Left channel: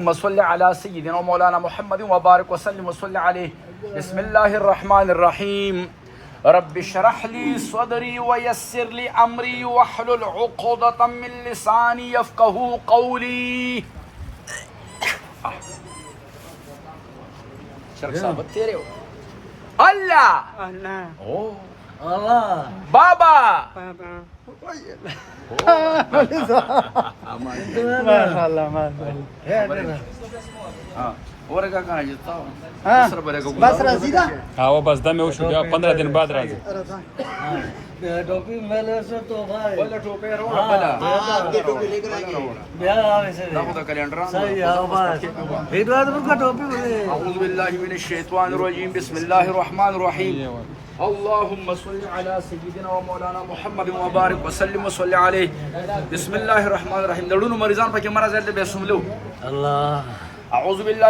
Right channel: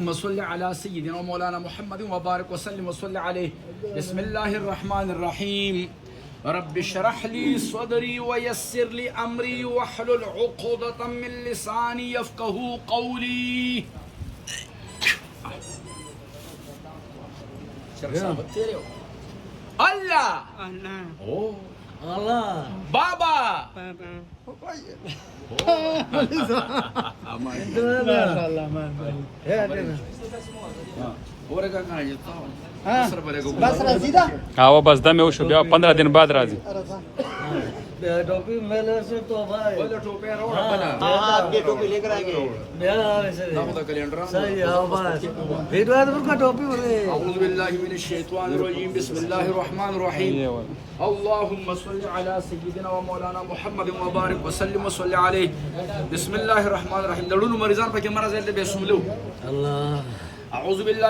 اللهم صل على سيدنا ومولانا محمد وبارك وسلم وصل عليه. بسم الله الرحمن الرحيم. رب اشرح لي صدري ويسر لي امري واحلل عقدة من لساني يفقهوا قولي. الله Allah. بابا बस राजी था हाँ वो बस दम में वो शुभ 15 दिन बाद राजी टोपी मेले से तो भाई बिहार आने से सही है बस वीरवादपुर का टोपी बोले أعوذ بالله من الشيطان الرجيم. بسم الله الرحمن الرحيم. اللهم صل على سيدنا ومولانا محمد وبارك وسلم وصل عليه. بسم الله الرحمن الرحيم. دلونو مریضان پکې مرز دې به سملو. الله أعوذ بالله